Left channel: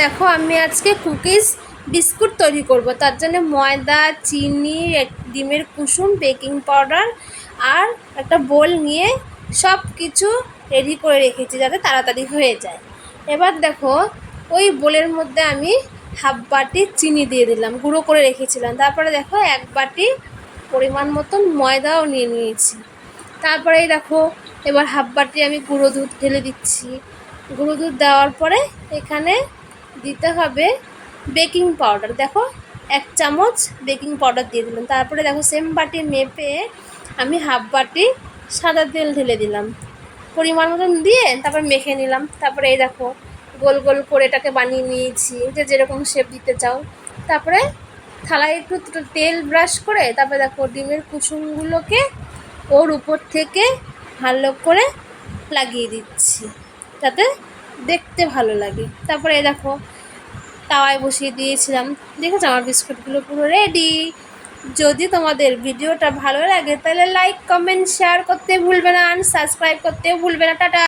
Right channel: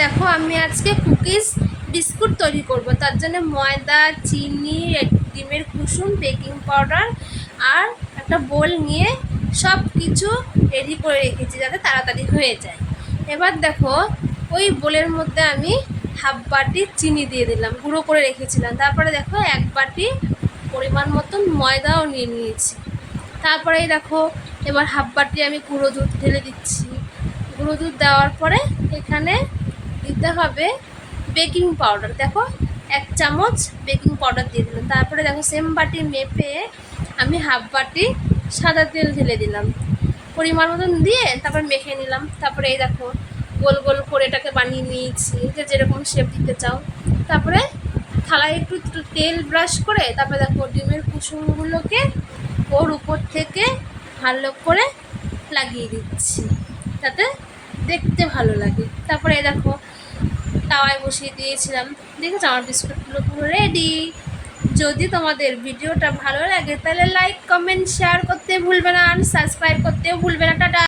দেখো আমি আজকে কুকিজ বিস্কুট তৈরি করব। তার জন্য ময়দা, চিনি, ডিমের কুসুম, বেকিং পাউডার আর একটা বোল নিয়ে সব কিছু রেডি করে রেখেছি যাতে তাড়াতাড়ি হয়ে যায়। এবার দেখো ওই বোলের মধ্যে আমি হাফ বাটি চিনি দিয়ে দিলাম, গুঁড়ো করে রেখেছিলাম। তারপরে দেখো এক বাটি পরিমাণ মতন ময়দাও নিয়ে নিয়েছি। তারপরেই দেখো এবার হাফ বাটি আমি গুঁড়ো দুধ ঢেলে দিচ্ছি। গুঁড়ো দুধ দেওয়ার পরে এখানে দিতে হবে বেকিং পাউডার। দেখো 1 চামচ বেকিং পাউডার দিয়ে দিলাম। তারপরে দেখো সেম বাটি মেপে আমি হাফ বাটি সাদা তেল ঢেলে দিলাম, পরিমাণ মতন দিয়ে তারপর মেখে নিলাম। তারপরে এই দেখো গোল গোল করে এটাকে বানিয়ে নিয়েছি, যে যেরকম শেপ দিতে চাও। তারপরে থালায় একটু তেল ব্রাশ করে তারপরে দেখো ডিমের কুসুমগুলোকে ওর উপর থেকে ভালো করে লাগিয়ে দিচ্ছি যাতে দেখতে ভালো লাগে। তারপরে এই দেখো তাওয়ায় বসিয়ে দিয়েছিলাম। দেখেছো আমার বিস্কুটগুলো পুরো রেডি। যদি তোমাদের ভিডিওটা ভালো লাগে তাহলে লাইক, কমেন্ট, শেয়ার করতে ভুলবে না, আর সাবস্ক্রাইব করতেও ভুলবে না। টাটা।